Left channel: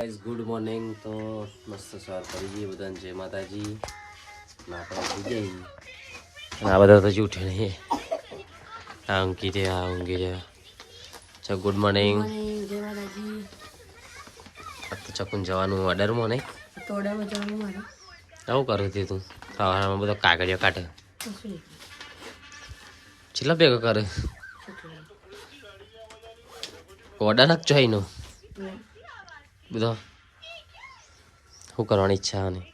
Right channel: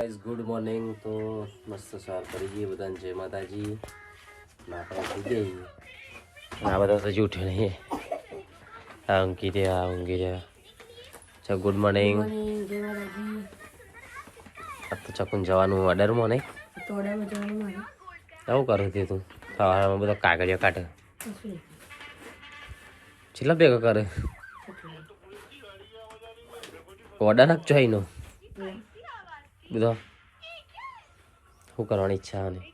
Guys good morning તો મસ્ત સવાર કરી જઈએ બધાને. જય માતાજી. ને આપણે થઈ જઈએ આ બધા તો હજી ઉઠે નહીં. આ ઊંઘી રહ્યા આ ઊંઘી રહ્યા ચા ગુડ મોર્નિંગ આ તો ચકુન જવાનું ઓર્ડરમાં નહીં? આવું કરું તે તું? સવારમાં બધો કાગળિયો કાઢે. છેલ્લા ભેગો કરે. ઓર્ડર નાખજો જોઈનો બધો? શું કરવાની ઈચ્છા આની?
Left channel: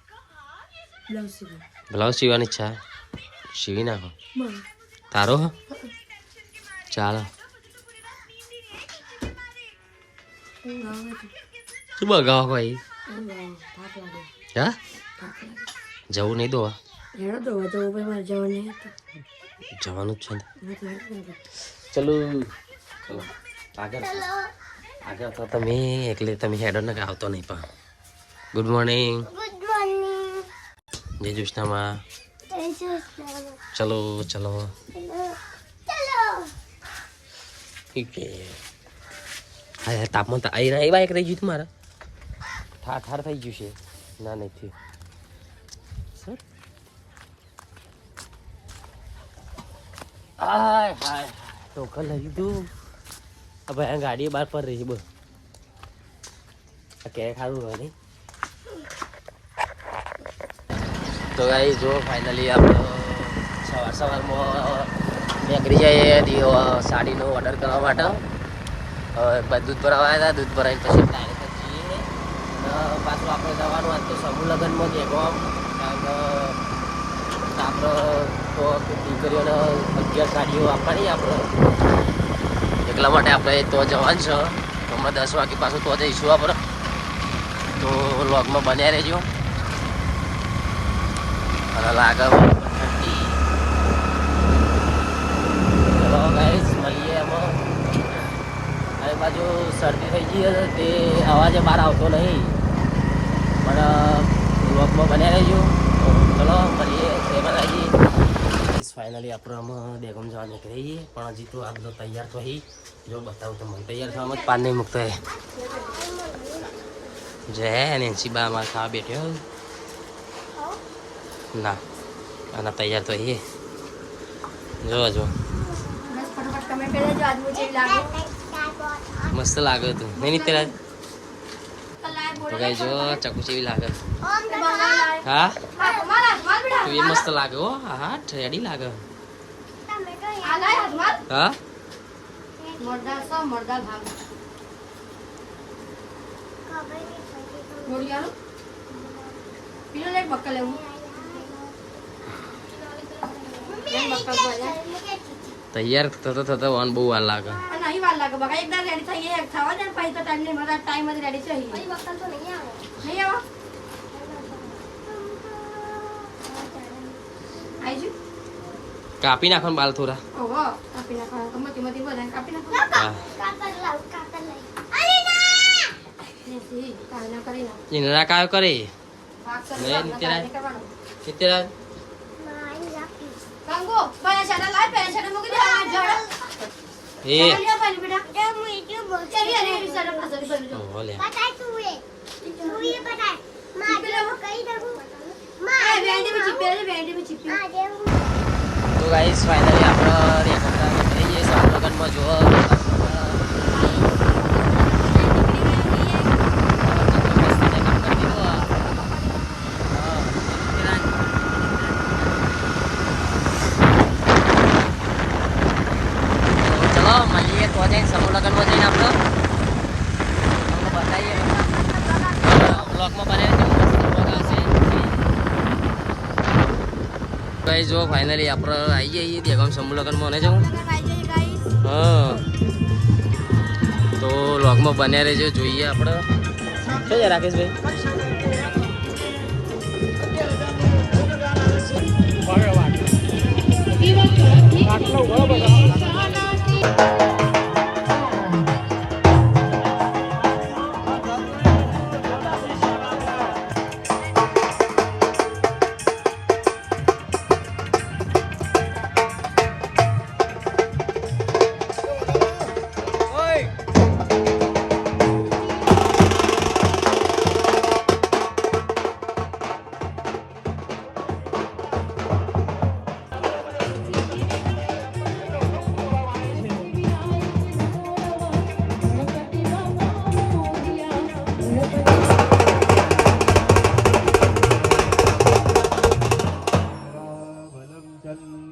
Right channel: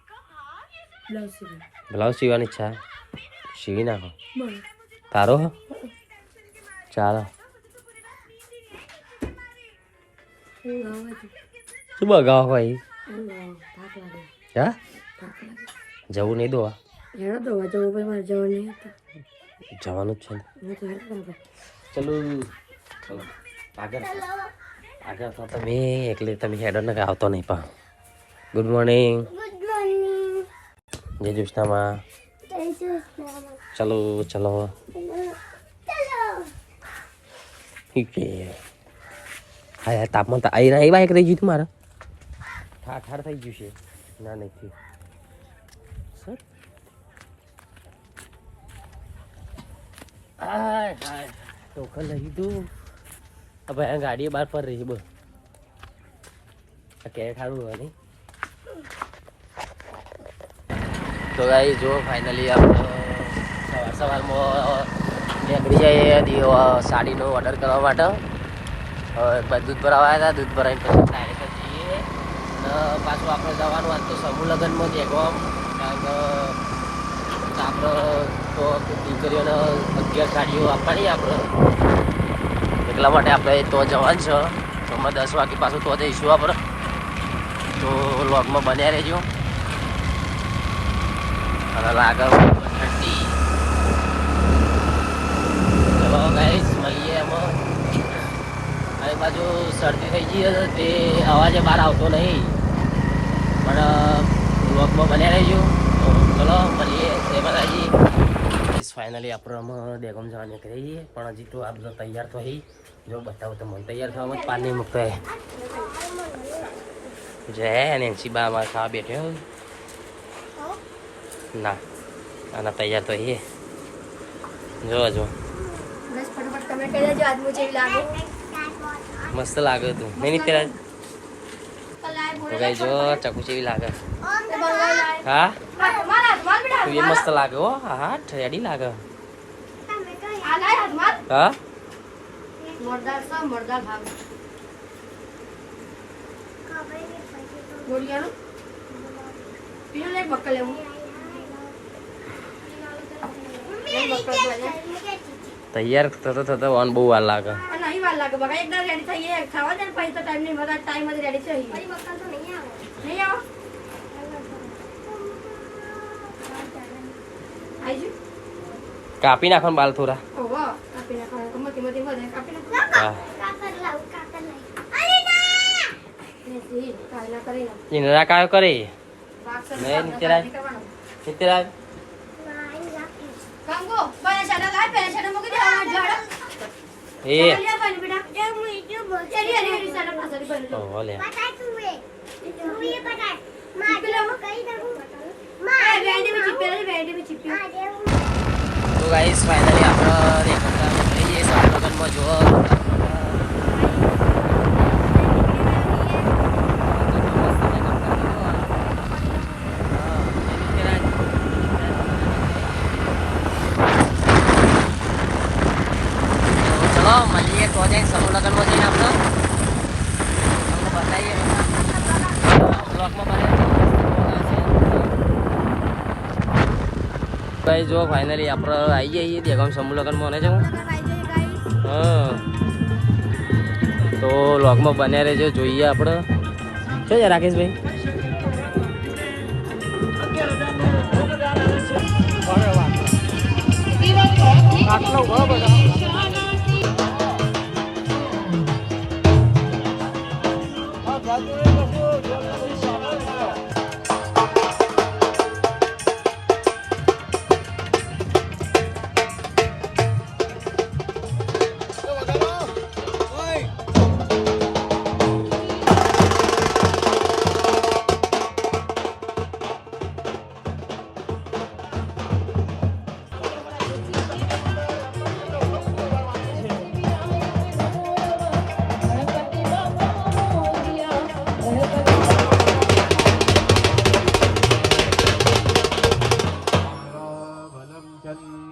બ્લાઉઝ સીવવાની ઈચ્છા? સીવી નાખો. તારો? ચાલો. શું બગાવો ભાઈ? હા? જવું નહીં દોવા? જવાનું જ છે ચલો. ચલો. આગળ આગળ તો તમે એકલે તમે હેડો ને આવતો નહીં પણ. ગુડ મોર્નિંગ જય જુષ્ણામાં ચલો ચલો. હા યાર તાપમાન તો આવી એ બાઈક રહી ગયું તું મારે. ઠાર ઠાર થઈ ગયું છે. ના નથી હાય હાય. ટોકન લઈ લીધું. હવે આ ગાડી બહાર પર રહી બોલ આ કે ખાવું હોય નહીં તો ગાઈ જો ફાઇનલી આપણે સવાર સવારમાં નીકળી જઈએ સાડીનો ઓર્ડર કરવા માટે હવે દૂધ ભરાવા આવ્યા હતા દૂધ ભરાઈને પછી ડાયરેક્ટ જઈએ પાછું આપણે જવાનું આજ તો સમૂહ લગ્નમાં જ એગોમ કારણ કે આપણે તો દીકરીઓને અગિયાર સાડીઓ આપવાની આપણે એટલા માટે આપણે તો જવાનું છે. તો અમે દસ વાગે પાછું તો જઈશું આપણે. તો લોગમાં બન્યા રહેજો. અને લાગે ઠંડી. ચલો ગાઈસ મળીએ એમાં આ બાજુ શરદી થઈ ગઈ હતી તે અવાજે બહાર આવતો નહીં. પણ લોગમાં બન્યા રહેજો. તો ચલો, મળીએ. તે બધાજી ફાઇનલી આપણે આમાં ડેગમ જવા નીકળી જઈએ. પણ હજી તો આ બધો તૈયાર તો હી. જો બતાવું તો મને તૈયાર થવામાં જ પાન નહીં મૂકતો હે જય નેન્સી બા અમારે ખાવા બેઠ્યો ના આના તૈયાર તો હી. જો જો. મસ્ત લાગે તું નહીં તેરા તો કઈ જો, ચકુ જેવી લાગે? હા? તું એ મસ્ત લાગે હો. હા હા રેડી લાગે. હા? તૈયાર થતો થતો વાન બહુ વાર લાગે. લાગે. બગા એકદમ રેડી થઈ ગયા ખાવા દે પછી તો ટાઈમ નહીં મળતા ટાઈમ જ રેડી છે નહીં આવો. આઈજુ કાપી નાખો બાલ થોડા. ઓહો કાપી નાખો મતી મતી બધા કાપી નાખો હા. નથી તાલના કરી નાખો. એને રાકાયો કરે. નહીં, નિત્યરાજ. સિત્તેરાજ ગંગો બને છાડા લાય પહેલે છાડા મૂકી દે. આ જડ એ. તો ગાઈસ ફાઇનલી આપણે નીકળી જઈએ સારનગરમાં જો ગાઈસ જો ફાઇનલી આપણે આવી જઈએ દેગામ સમૂહ લગ્નમાં જવું હા. તો લોગમાં બન્યા રહેજો જોઈએ આપણે. શું છે રાકેશભાઈ?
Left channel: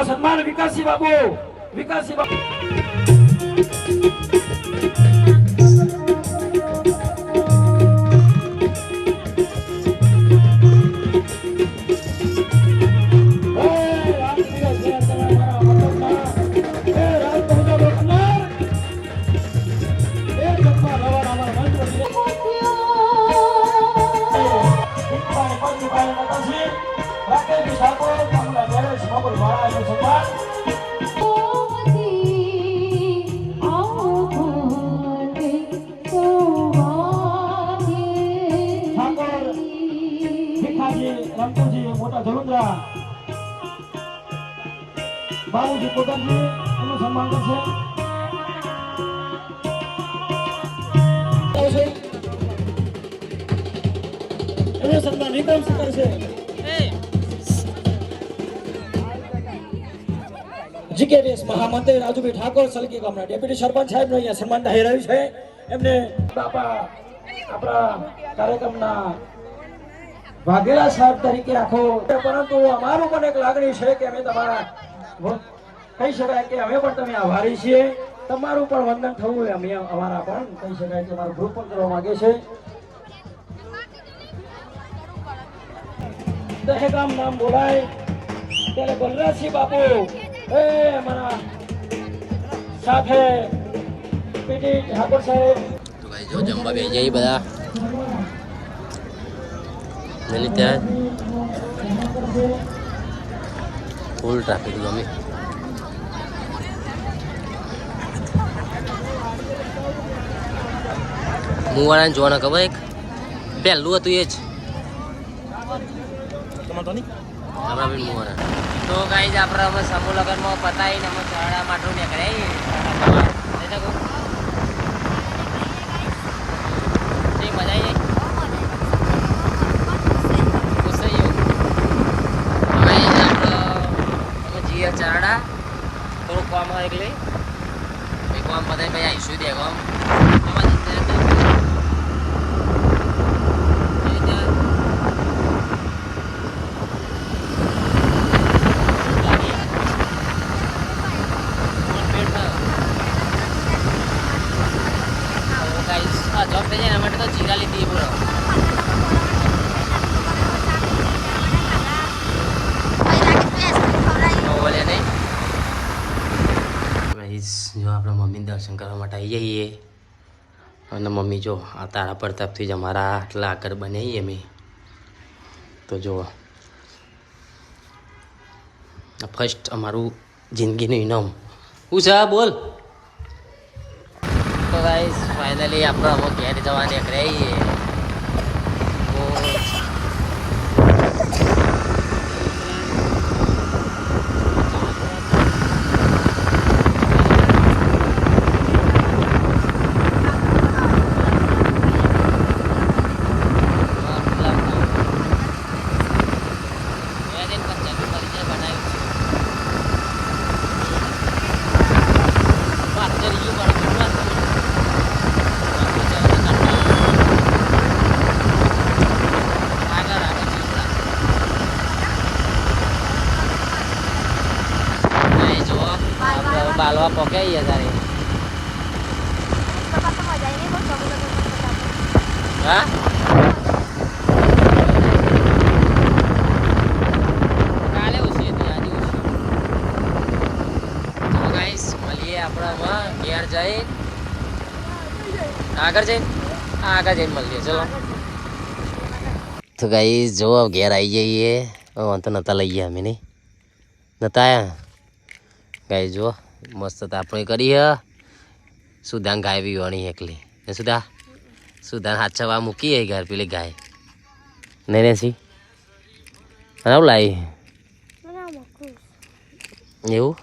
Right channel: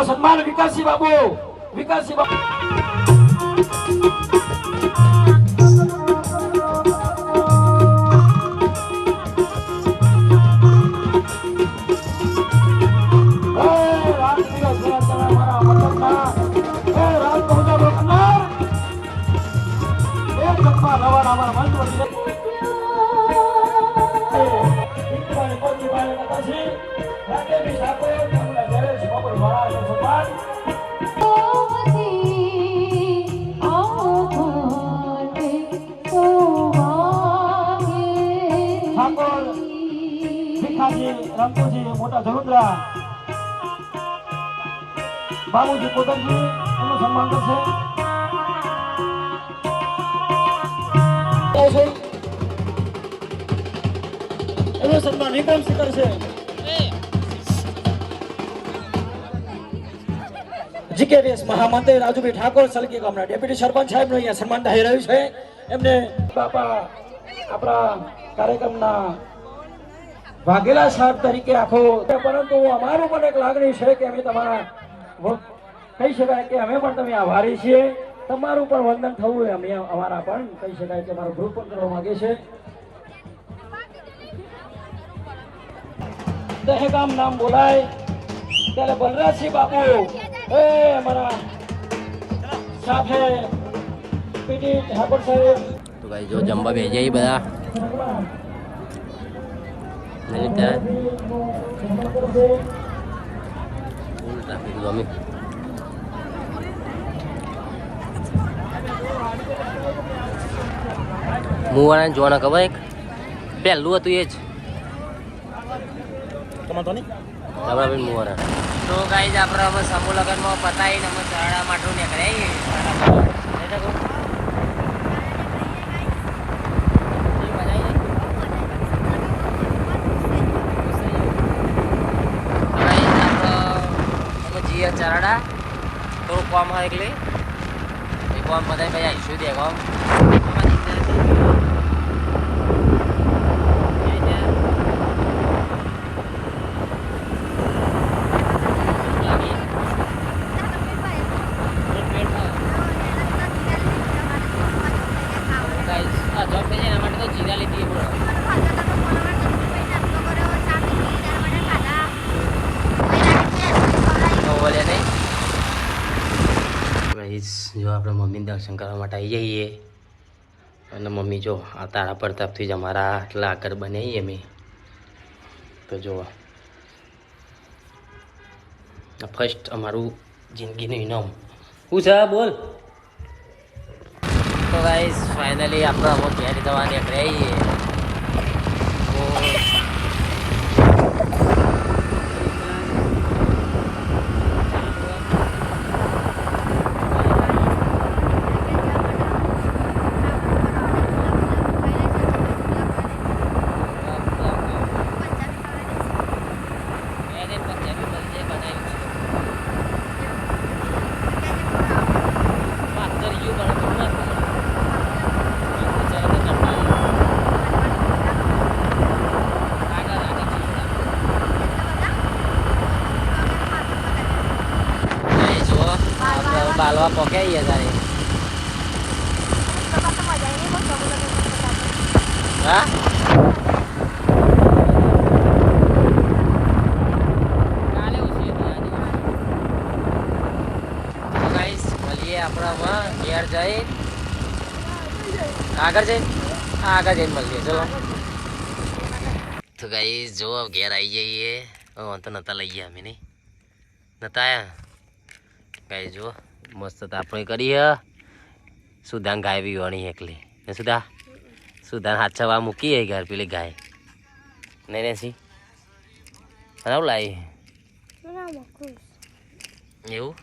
એમના સન્માન વિકાસજી બાબુ વિકાસજી બાબુ હે બાબુજી કોટકજી એનું સન્માન કરશે. એનું સન્માન વિક્રમસિંહ કરશે જીકેડીએસ મહામંત્રી રાજુભાઈ ઠાકોર સલકી ગામના ડેપ્યુટી સરપંચ સાહેબનું અહીંયા સન્માન થઈ રહ્યું છે. એમને બાપા આપણા કાર્યક્રમના વાઘેલા સાહેબ તરીકે આખો પરંતુ અમારું પણ એક લાગણી છે કે અમે તમારા કહી શકાય કે અમે પણ તમે આભારી છીએ. તમારું પણ વંદન થવું અમે અમારા પણ. કહી શકાય કે મારું ગ્રુપ પણ કરવા માંગે છે. દહેગામ નામ બોલાય. ત્યારે બલરાજસિંહ બાપુ, એ અમારા સાથે પીટી ઠાકોર સાહેબ. તો ભાઈ જો જમવા બે જઈ બધા. નહીં ત્યાં ફૂલ ટ્રાફિક ગમે મુવાળાને જોવાના ખબર એક? પહેલું હતું એ જ. બેન મુવારા તો ગાઈ આપણે હવે સમૂહ લગ્નમાં પતાવીને અમે ચાડા માટું નીકળ્યા મજા આવી ખુશ થઈ ગયું ગાઈ આપણે જીએ ચરડા થોડું કામ હોય એટલે. એક કામ બધા પછી આવીશું દે કામ જોબ થઈ જાય એના માટે તો જીરા લીધી પડે બોલે નહીં ગાઈસ જો આપણે મમ્મી દર્શન કરવા માટે આવી જઈએ. અને મમ્મી જો આ તારા પ્રતાપથી જ અમારા આટલા આગળ બનાવીએ અમે. તો જુઓ ફર્સ્ટ અમારું જિંદગીનું ઇનામ. શું છે બોલ. તો ગાઈસ ફાઇનલી આપણે હવે ઘેર જવા નીકળ્યા છીએ તો બાલવા પોકે ગયા તારે હા કાલે ઉછળી હતી, આજે ઉછળી. તો guys, મળીએ આપણે હવે ઘેર જઈ આગળ જઈ હા આગળ જઈને મળીએ ચલો તો ગાઈસ જો હવે ઘેર આવી જઈએ હવે તો નતા લઈ ગયા અમે નહીં નતા આયા ગાઈ જો મસ્ત તાપણી કરી કરીએ. સુધાન ગાય બી વણી એકલી. ને સુધા સુધાન હાથ મૂકી મૂકીએ ઘર પેલી ગાય. ને અને આવું લાવી એવું?